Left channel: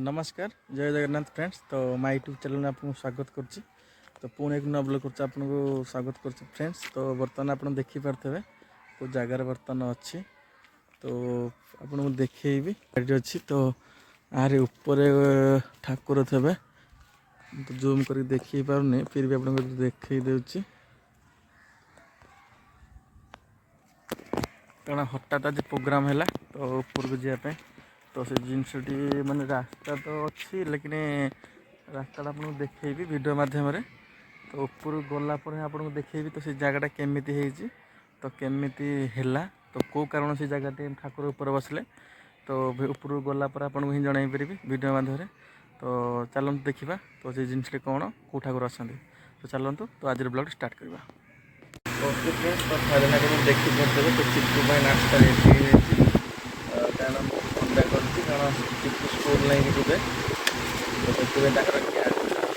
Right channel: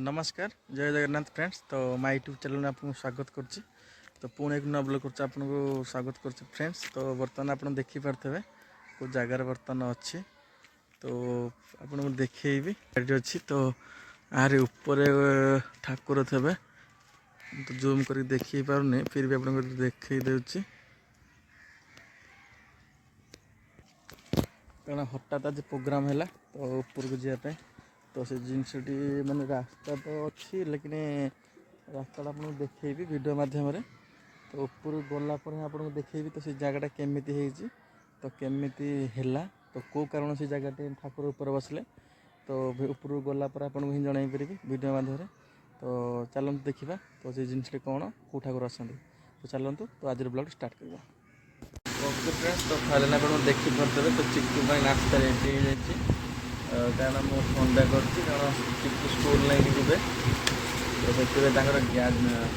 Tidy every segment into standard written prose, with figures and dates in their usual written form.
नमस्कार जय जगन्नाथ फ्रेंड्स। तो माय यूट्यूब चैनल में आपको स्वागत करछि। तो पुणे एक नया ब्लॉग करछि आपको स्वागत करछि फ्रेंड्स। तो बर्तमान आप देखि पारथेबे को जगार बर्तमान अच्छी। तो आपको देखी अच्छी। तो आरे ऊपर ठाकुर थे तो जूम कर देखी पारनी फिर भी आपको देखी देउछि कारण हठात आज प्रोग्राम है तो ऊपर को जावाई। तो से जिनसटी माने रास्ता तो अच्छी लेकिन रास्ता आपको देखेबी वीडियो माध्यम रे। तो ऊपर गला पर आपको देखेबी तो से जगहटा केमिति हेजी तो केमिति हैला तो को कारण से जगह ठाकुर ऊपर बसले तो ऊपर गला पर आपको ही जणाई पारि वीडियो माध्यम रे। तो चलते देखा तो से जिनसटी कौन कौ ठाकुर आसती। तो चलतु तो आज ब्लॉग स्टार्ट करवा। ओके फ्रेंड्स तो फाइनल आपको देखी पारे तो चिक्कू नाश्ता रेडी हो जाए कारण मुझे थंडा कर चिक्कू स्कूल नहीं जी तो से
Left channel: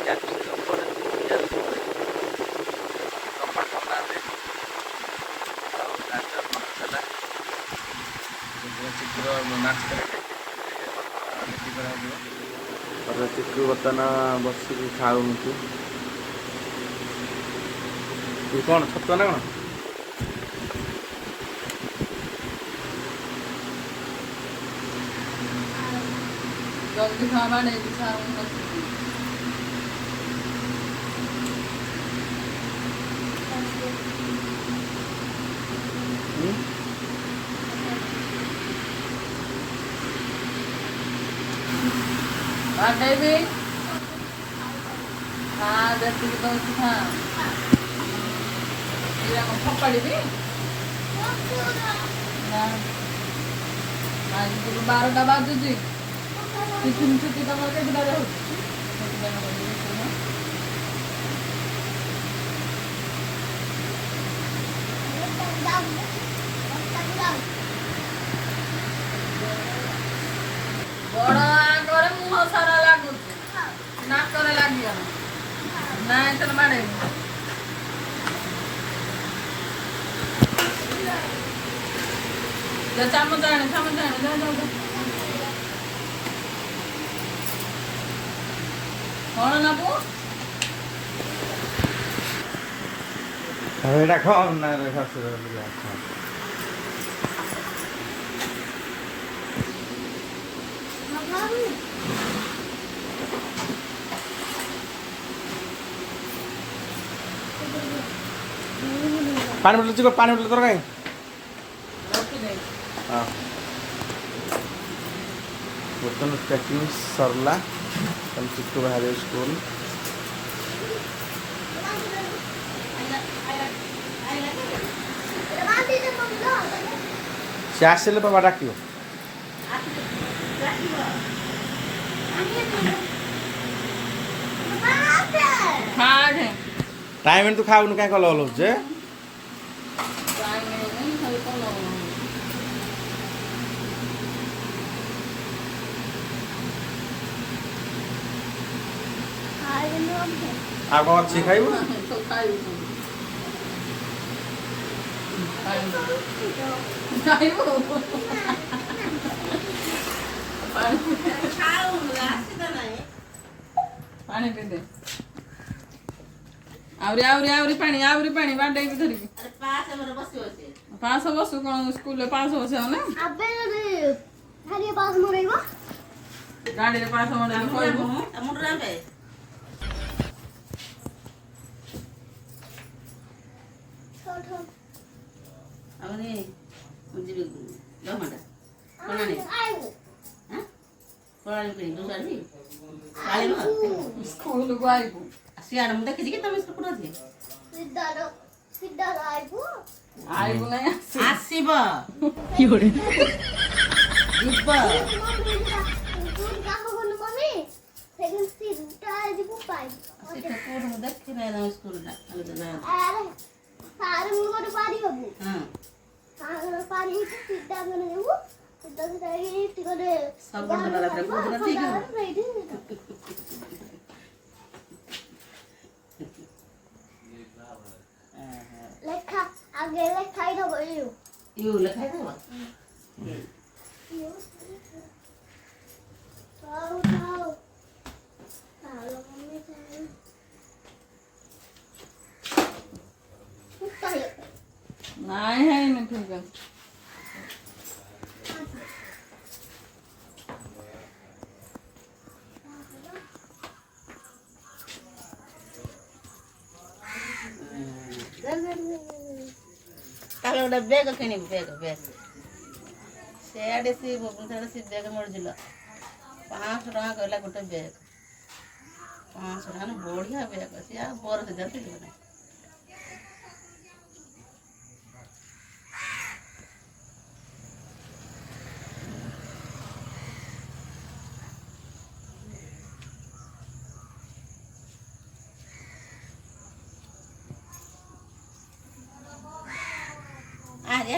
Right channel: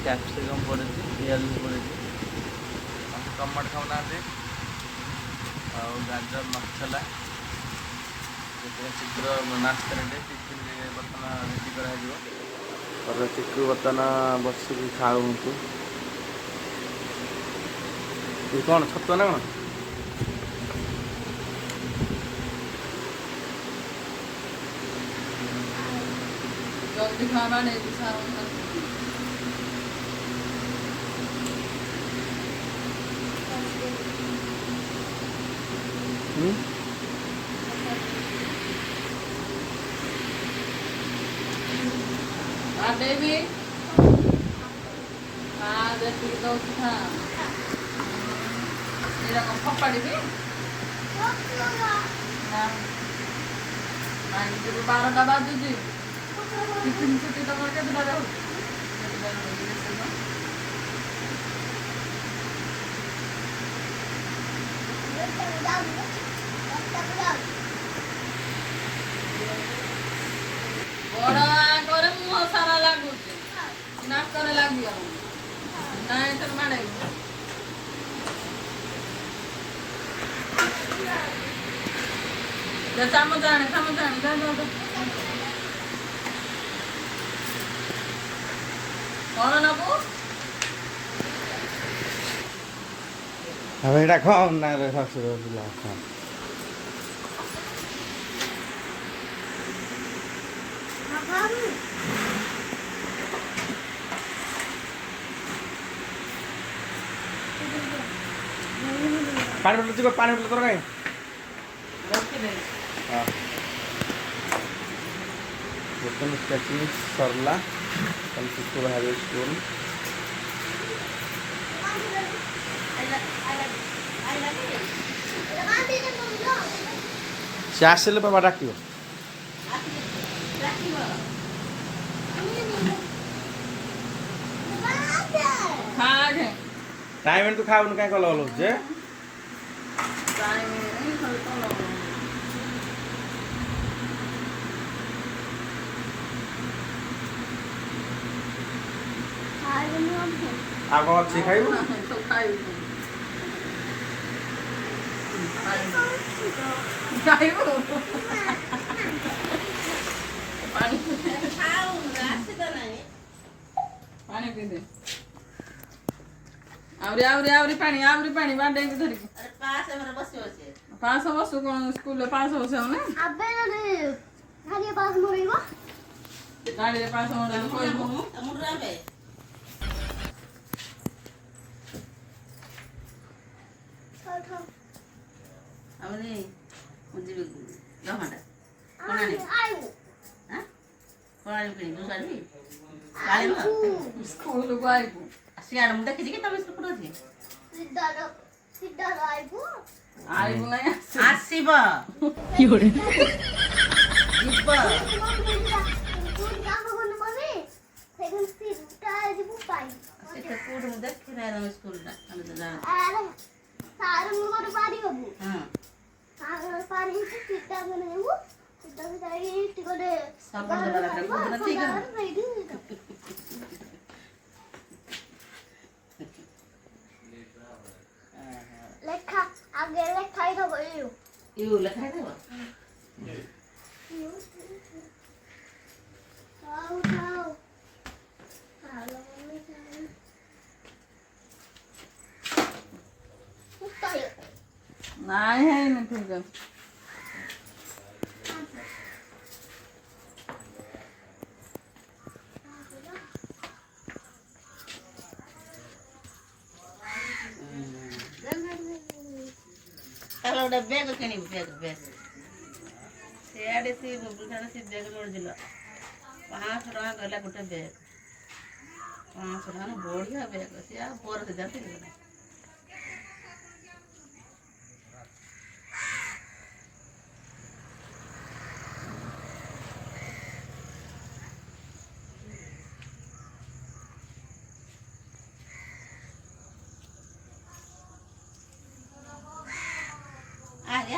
कैप्सिकम पड़े पिज पड़े टमाटो ना गाजर मसला चिक्कुर नाश्ता रेडी कर चिक्कू बर्तमान बसिक खाऊ कौन छतुआ ना कौन जल्दी खाना नहीं भी हाँ देखी तो हाँ पकड़ी भी बारह का बाद जी टिफिन छुट्टी तो करके बिना रहू बड़ आगे मुह सारा लगुच नाक लगिगला ना तो मारे चामच आने जा कौन नबू एटा खाओ ना रे ससुर पानी बोतल चिको पानी बोतल तर कहीं हाँ बर्तमान पैकिंग सरला कल चिक्कू बाहर स्कूल से आसले बाबा डाक टाइम तू खाऊ क्या कल जे आप कौन अच्छी खाइब पानी पी दे आवरी पानी बांटे की धरिक पास बसु कौन स्कूल पास बस गाड़ी पास स्कूल को आइबू सियार मुंडा किसी के तमे स्कूल थे सिद्धार आइबू नहीं आसीब योरे देखी रहे स्कूल लेखा आगे लेखाई दो यू लेखाई दो ନାଇଁ ହେଇନି ଠିକ୍ ଅଛି। ତାହେଲେ ଗୋଟେ ବେଗ କିଣିବୁ ବେଗ ସେଆଡ଼େ ସେ ଭୁବନେଶ୍ୱରରେ ସେ ବେଗ ମିଳୁছিল 500 ଟଙ୍କା କହିଲା ଗୋଟେ ବେଗ 500 ଟଙ୍କା ବଢ଼ିଆ ବେଗ ସିଏ ଆଉ ବରଫ ଯାଉଛି ନା ଆରେ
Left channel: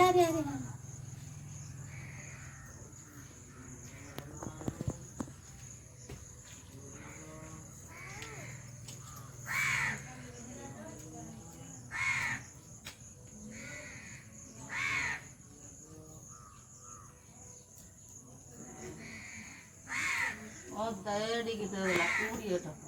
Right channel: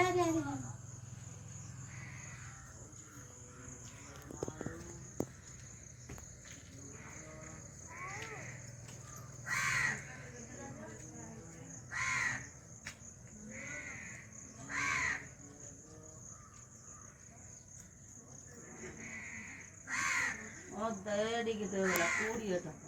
ଅଧାଡ଼ିକି ଦେଲା 20 ଟଙ୍କା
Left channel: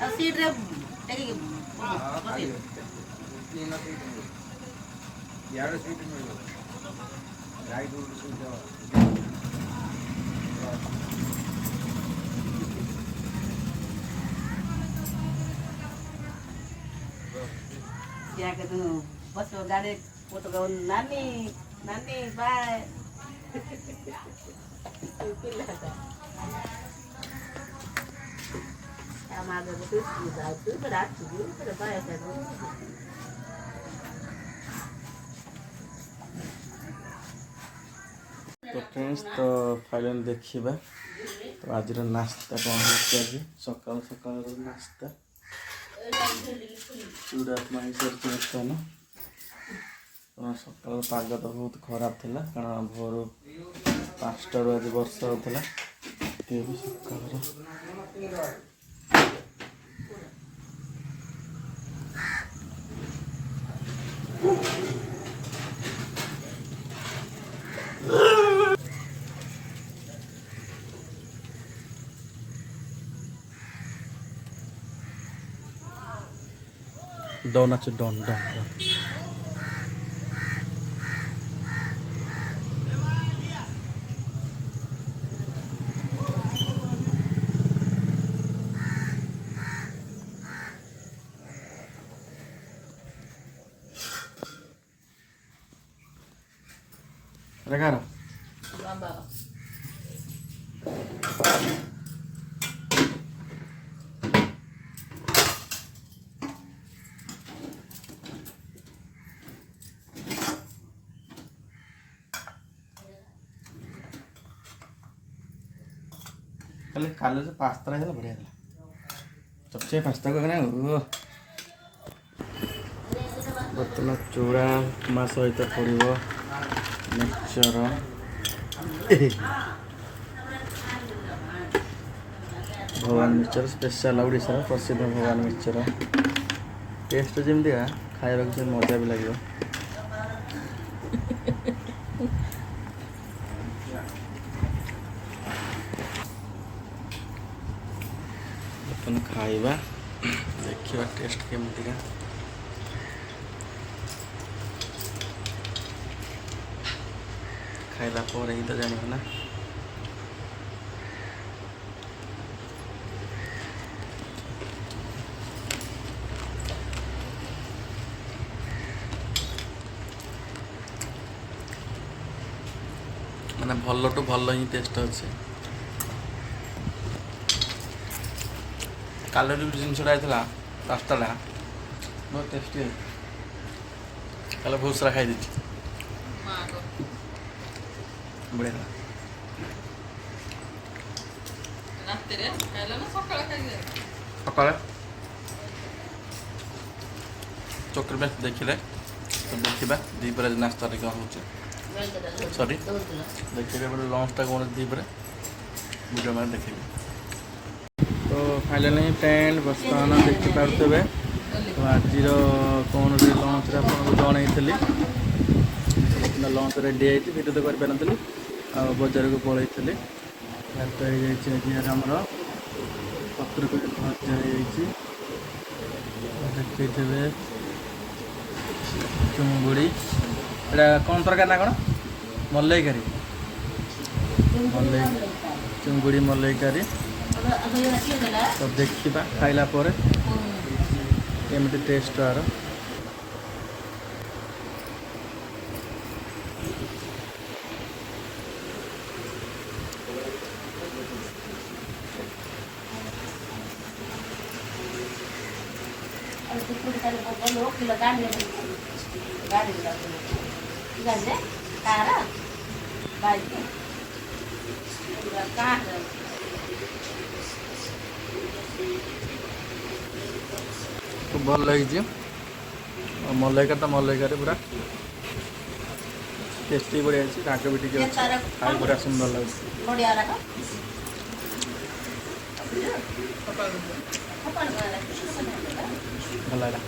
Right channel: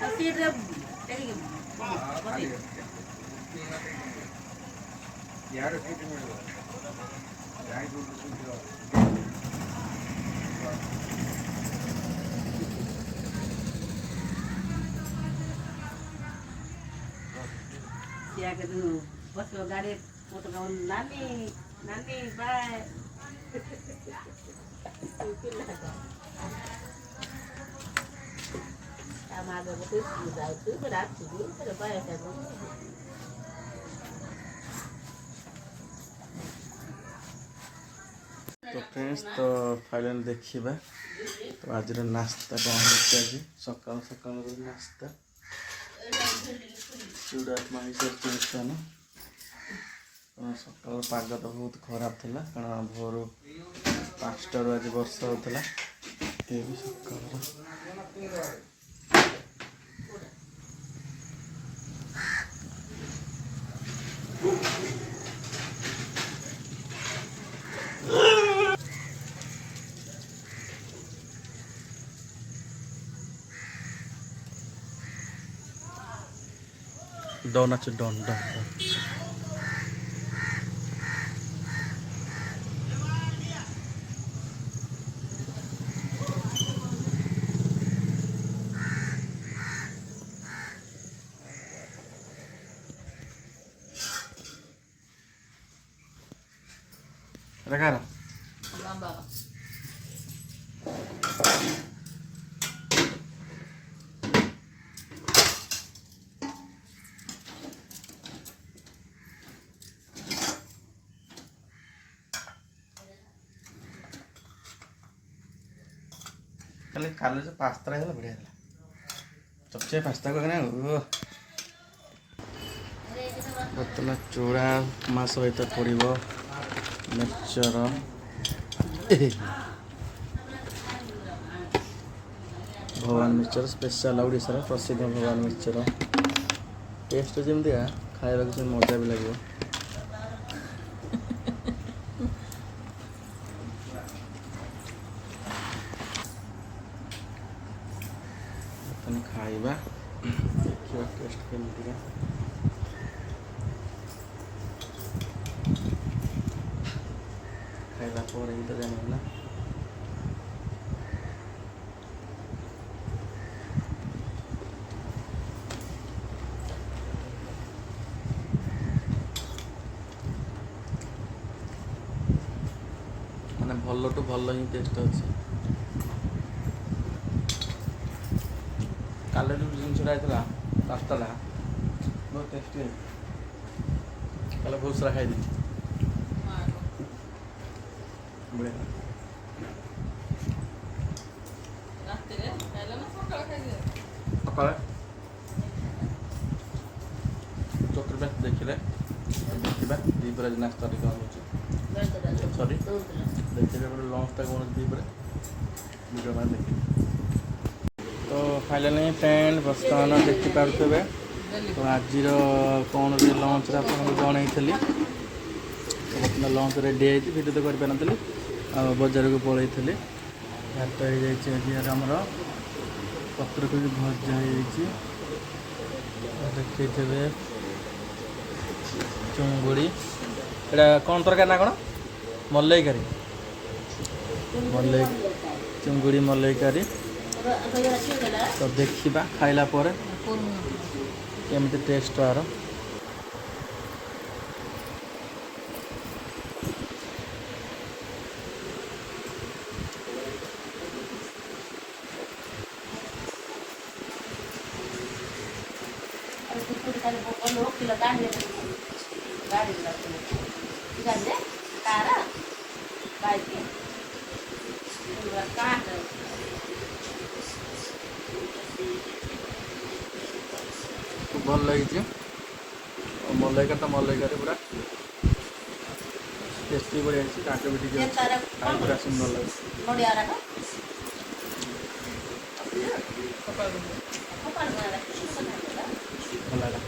ଆଉ ସିଟ୍ରେ क्या कहते हैं बस गाड़ी वो तो कहूँ नानी नानी बाय हम आगे बते जाते फिर रात को फिर बाय कहते तो फ्रेंड्स तो फाइनल देखिबा तो आज नाश्ता कौन है आज सकाल सकाल नाश्ता चूड़ा मिर्चान सकाल पाग तो बहुत खराब थिला कारण भोर 5 आज वर्षा होता ये भी सकाल डन अच्छे डन डन डन Regalo. काले से पास्ता है बढ़िया सबसे पास्ता को बर्तमान चूड़ा उपमा सहित पड़ो मिक्सचर भगवान मिक्सचर स्पेशल ओडिशा प्रसिद्ध भगवान मिक्सचर टेस्ट जमी खाଇବା किसी मजा भी लगे खाइबा देखिए टेस्ट केमती खाइला पर ही तो जानिबे ना माने भल टू भल ही टेस्ट अच्छे काल जो जिनसा पास्ता बहुत टेस्टी है कल बहुत सारा खाई दी बढ़िया सकाल चक्र में देखिले तो ଦେଖିବା ଦ୍ୱିପହରେ ନାସ୍ତାରେ କ'ଣ ହେଉଛି ସରି ଦେଖିବେ ଆପଣ ଲଞ୍ଚଟା କ'ଣ ଦ୍ୱିପହରେ ଭିଡ଼ିଓ ମାନେ ଦେଖିବେ। ତ ଫାଇନାଲି ଟେଣ୍ଟ ବର୍ତ୍ତମାନ ଦେଖିପାରୁଥିବେ। ତ ଆଜିର କ'ଣ ଲଞ୍ଚରେ ଆପଣଙ୍କୁ ଜଣେଇଥିଲି ବର୍ତ୍ତମାନ ଲଞ୍ଚ ରେଡ଼ି ହେଇଛି ଭିଡ଼ିଓ ତ କରିପାରିନଥିଲି ଆଉ ବଜାରକୁ ପଳେଇଥିଲି। ଭାତ ହେଇଯାଇଛି ଆଜି ଆମର ପତ୍ରକୋବି ଭଜା ହେଇଯାଇଛି ଦେଖେଇଥିବେ ଚୁଙ୍ଗୁଡ଼ି ଏଇଟା କ'ଣ ତରକାରୀ ନା କ'ଣ ମଲେଇକାରୀ ଚୁଙ୍ଗୁଡ଼ି ମଲେଇକାରୀ। ତ ଦେଖିବା ଖାଇଲା ପରେ କେମିତି ଟେଷ୍ଟ ତାର। किलो गाड़ी गाड़ी कार बाइक कार खूब भल लगी मलईका मलईकार पूरा टेस्टी बढ़िया राग भी टे खाई पूरा सुंदर लगे बढ़िया भल लगा।